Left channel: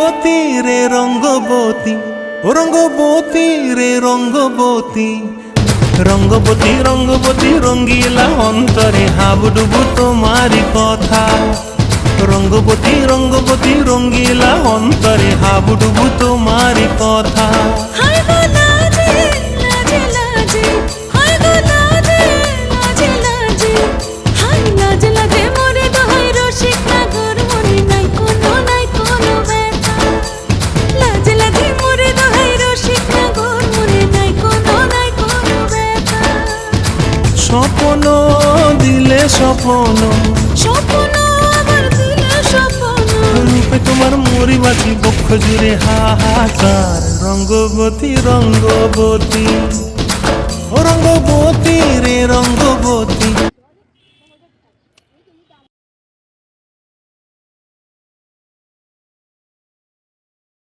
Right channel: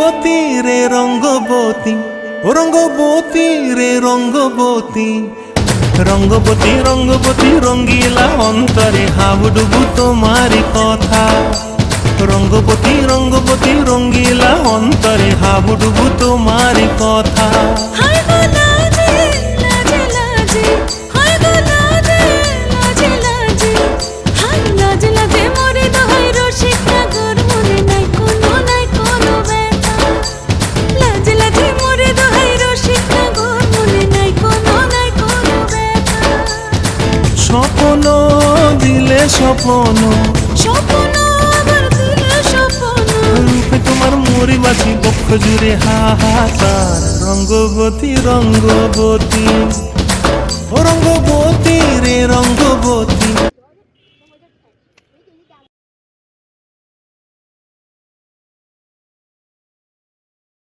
রঙ্গবতী রে রঙ্গবতী, ও রঙ্গবতী রে রঙ্গবতী, রঙ্গবতী রঙ্গবতী রঙ্গিলা অন্তরে হাবুডুবু তোমারি কথা। রঙ্গবতী রঙ্গবতী রঙ্গিলা অন্তরে হাবুডুবু তোমারি কথা। হায় গো লাজে লাজে লাজে, হায় গো লাজে লাজে লাজে, হায় লাজে লাজে মোরে দোহাই রসিক নাগর মনে নাই কোনো ব্যথা। লাজে লাজে মোরে দোহাই রসিক নাগর মনে নাই কোনো ব্যথা। স্বপ্ন দিলে স্বপ্ন, স্বপ্ন আবার দিলে স্বপ্ন, রূপে তোমার মরি বাঁচি বক্ষ জুড়ে হাহাকার। রঙ্গবতী রঙ্গবতী, ও রঙ্গবতী রে রঙ্গবতী,